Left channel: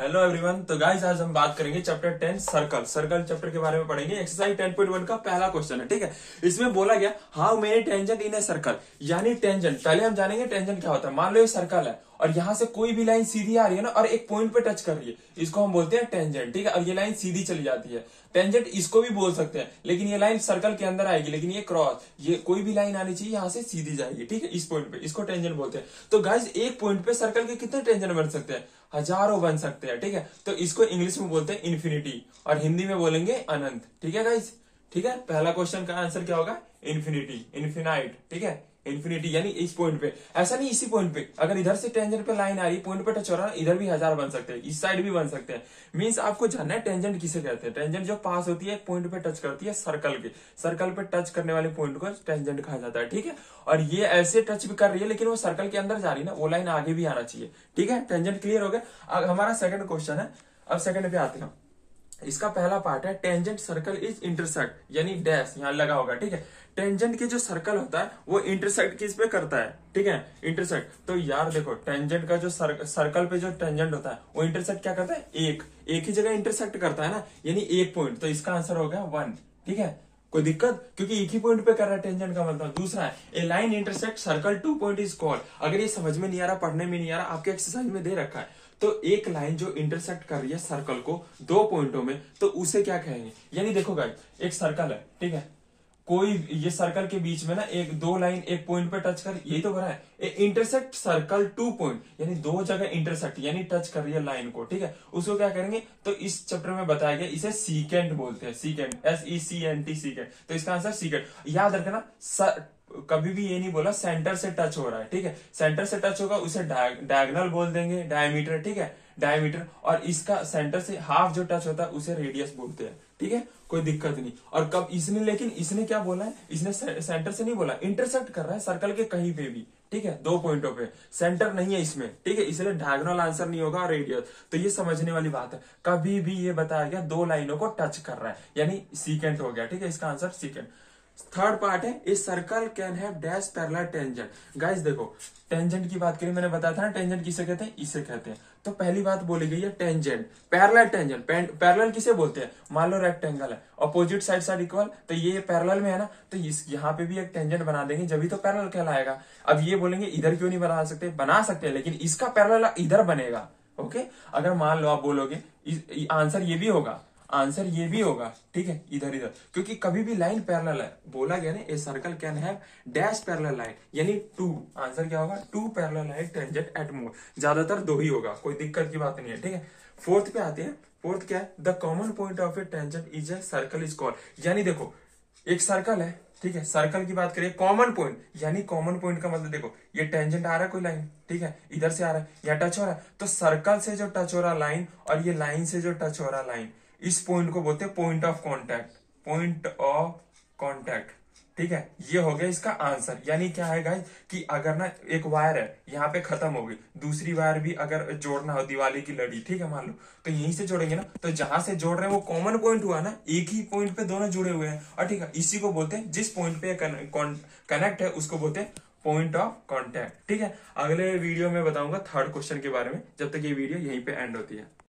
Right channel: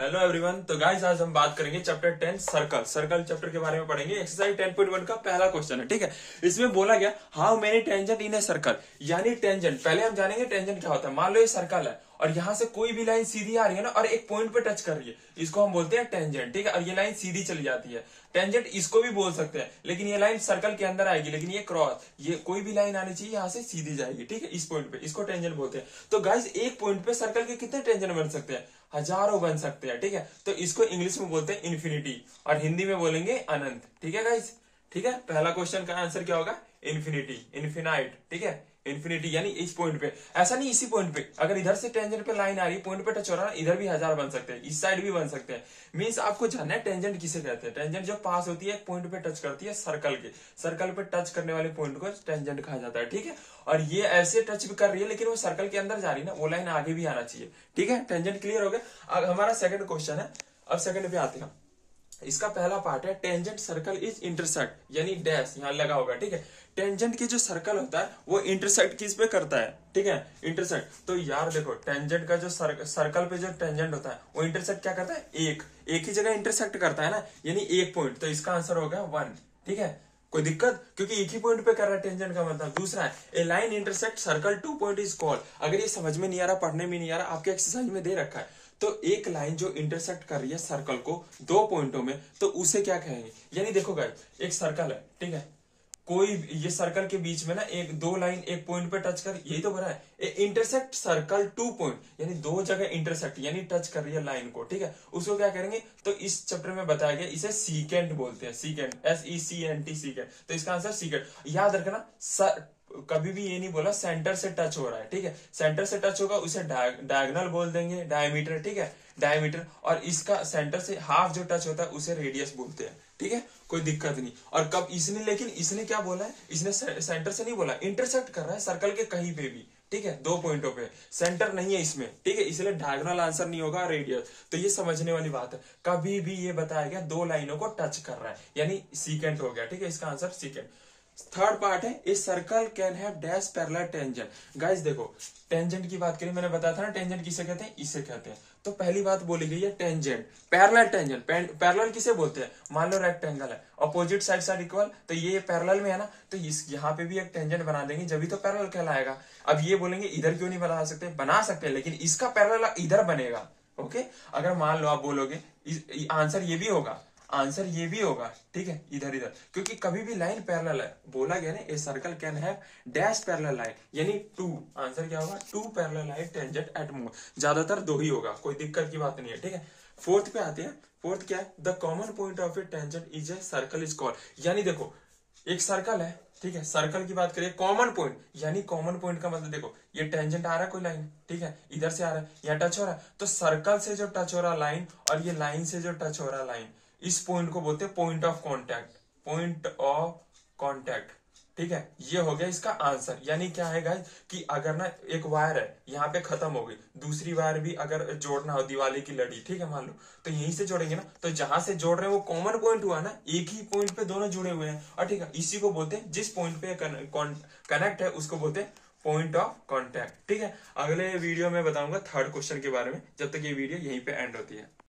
Hello everyone. तो guys आज हम बात करेंगे चैप्टर 10 सर्कल चैप्टर के बारे में पढ़ेंगे। एक्सरसाइज 10.1 का पहला क्वेश्चन है, ठीक है। इसमें बोला गया how many tangent in a circle, यानी टेंजेंट पहले हम जानेंगे टेंजेंट क्या होता है। मान लो ये सर्कल है और यहाँ से कोई भी लाइन सीधी आ रही है ना और एक पॉइंट पे टच कर रही है, इसको हम बोलते हैं टेंजेंट, ठीक है। और ये लाइन सीधी चली जाती है, टेंजेंट इसको भी बोल सकते हैं। लेकिन ये लाइन सर्कल के अंदर आएगी, लेकिन ये क्रॉस, ये कोई भी लाइन आनी चाहिए यहाँ से सीधी जाएगी, ठीक है। इस पॉइंट पे इसको टेंजेंट बोलते हैं। तो गाइस एक पॉइंट पे सर्कल के कितने टेंजेंट बन सकते हैं? हजारों बन सकते हैं, ठीक है। तो इसको इंग्लिश में बोलते हैं इन्फिनिटी और हिंदी में बोलेंगे अनंत, ठीक है गाइस। ठीक है, पहला क्वेश्चन का आंसर क्या होगा? इन्फिनिटी, इन्फिनाइट, ठीक है। इन्फिनिटी यानी इस पॉइंट पे, ऐसा नहीं इसी पॉइंट पे, अगर इधर से टेंजेंट पे लाइन आ रही, पॉइंट पे टच हो रहा है, इधर भी हजार बन सकते हैं, इस साइड भी बन सकते हैं। मींस आपको जानना है टेंजेंट किसे कहते हैं। टेंजेंट जो पास होती है एक पॉइंट पे टच करती है सर्कल के, सर्कल पे टच करने वाले पॉइंट को टेंजेंट कहा जाता है, ठीक है। और ये ऐसे टच भी कर रही है लेकिन वो सर्कल के अंदर जा रही है ना, वो लाइन आगे भी आना चाहिए, ठीक है। टेंजेंट क्लियर हो गया। अब हमारा सेकंड क्वेश्चन है, अब सेकंड पे आते हैं। इसका पहला पार्ट है टेंजेंट सर्कल इज इंटरसेक्ट, यानी डैश यहां लगा होगा, ठीक है। टेंजेंट की जो सर्कल होता है वो इंटरसेक्ट किस पे करता है, ठीक है, इंटरसेक्ट। तो यार देखो टेंजेंट का जो सर्कल पे जो टेंजेंट होता है वो इंटरसेक्ट क्या करता है? एक ही जगह इंटरसेक्ट करता है ना, यानी एक पॉइंट। तो इसका आंसर हो गया 1, ठीक है। कोई दिक्कत? क्योंकि एक ही पॉइंट पे कर रहा है टेंजेंट का मतलब। दूसरा है a line intersect circle 2 point is called. अगर ये समझ में नहीं आ रहा, पढ़ने में नहीं आ रहा, आपके एक्सरसाइज में दे रखा है, तो एक लाइन जो इंटरसेक्ट कर रही है सर्कल को 2 पॉइंटों में, तो उसे क्या कहेंगे? यानी देखो गाइस एक सर्कल है, ठीक है, कोई ये सर्कल के बीच में ना एक दो लाइन एक पॉइंट पे टच कर, यही तो बना है इंटरसेक्ट सर्कल 2 पॉइंट, यानी दो जगह इंटरसेक्ट यानी टच कर रही है लाइन को, ठीक है। उसको क्या करेंगे? तो इस चैप्टर में बताया गया इसे सीकेंट बोलते हैं, सीकेंट, SECNT, सीकेंट। तो इसका आंसर सीकेंट। याद रखना कभी भी ये नहीं बोला सेंटर से टच हो रहा है, ठीक है। सेंटर से टच होगा उसे डायगोनल बोल देंगे, डायमीटर, ठीक है, डायमीटर। और इसका सेंटर से हाफ जो टच होता है उसे रेडियस बोलते हैं, ठीक है, कोई दिक्कत नहीं। और कब इसने, लेकिन इसने क्या बोला है? इसने सेंटर से नहीं बोला, इंटरसेक्ट कर रहा है सर्कल के कहीं पे भी, ठीक है, 2 पॉइंटों पे, सेंटर नहीं है इसमें, ठीक है, इसलिए डायगोनल आंसर नहीं होगा, रेडियस। तो ये समझने वाली बात है, कभी भी ये बताया गया 2 लाइनों को टच कर रहा है, यानी सीकेंट हो गया, ठीक है। इसका आंसर सीकेंट। थर्ड पार्ट है a circle can have dash parallel tangent. Guys देखो टेंजेंट की बात करें, मैंने बताया था ना टेंजेंट किसे कहते हैं, इसे कहते हैं। तो पहली बात बोली गई है टेंजेंट, पैरेलल टेंजेंट। पैरेलल किसे बोलते हैं? मान लो रेक्टेंगल है, अपोजिट साइड साइड इक्वल, तो ये पैरेलल में है ना, तो इस यहाँ पे भी एक टेंजेंट बना देंगे, जब भी तो पैरेलल कहलाएगा। अब ये बोलेंगे इधर क्यों नहीं बना सकते? बना सकते हैं, लेकिन इसका पैरेलल इधर बनेगा, ओके। अगर मान लो आप बोलोगे आंसर ये भी होगा, आंसर ये भी होगा, ठीक है, इधर इधर, क्योंकि कभी भी लाइन पैरेलल है, बोला गया ना a circle can have dash parallel line, यानी 2। आंसर क्या होगा? 2 पैरेलल लाइन टेंजेंट एट मोर, ज्यादातर 2 ही होगा, कोई दिक्कत की बात नहीं है, ठीक है। फोर्थ पे आते हैं। फोर्थ क्या है? The common point of A tangent is a circle is called. यानी देखो एक सर्कल है, ठीक है, सर्कल की बात करें, कॉमन पॉइंट, यानी कॉमन पॉइंट का मतलब देखो ये टेंजेंट आ रहा है कोई लाइन, ठीक है, इधर से आ रहा है, यहाँ टच हो रहा है, तो सर्कल से जो टच हो रहा लाइन और ये लाइन से जो टच हो रहा लाइन, इस पॉइंट को बोलते हैं point of contact, point of contact, ठीक है। ये हो गया इसका आंसर। यानी क्या है गाइस कि अगर ना एक वायर है यहाँ पे खत्म हो गई, दूसरी वायर भी अगर जोड़ना हो, दिवाली की लड़ी, ठीक है, मान लो, तो यहीं से जोड़ेंगे ना, तो जहां से जोड़ रहे हैं वो कॉमन पॉइंट हुआ ना, एक ही पॉइंट पे दोनों जुड़े हुए हैं, और ठीक है, इसी को बोलते हैं, जिस पॉइंट पे कनेक्ट है उसको बोलते हैं पॉइंट ऑफ कांटेक्ट, ठीक है। अगले वीडियो में बताऊंगा थर्ड क्वेश्चन के बारे में, जब तक ये वीडियो यहीं पे एंड होती है।